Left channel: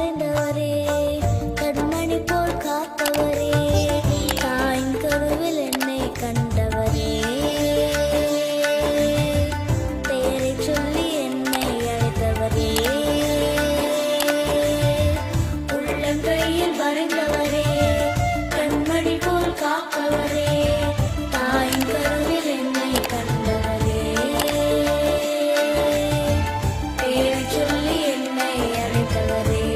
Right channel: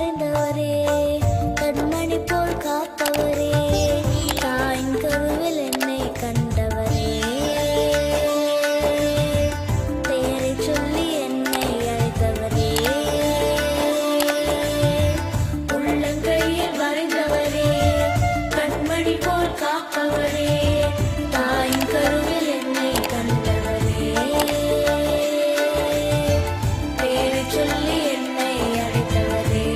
மறைந்தவரே, கண்மணி போல் காப்பவரே, தாயின் கருவில் என்னை கண்டவரே, பெயரை சொல்லி என்னை அழைத்தவரே, உள்ளங்கையில் வரைந்தவரே, கண்மணி போல் காப்பவரே, தாயின் கருவில் என்னை கண்டவரே, பெயரை சொல்லி என்னை அழைத்தவரே.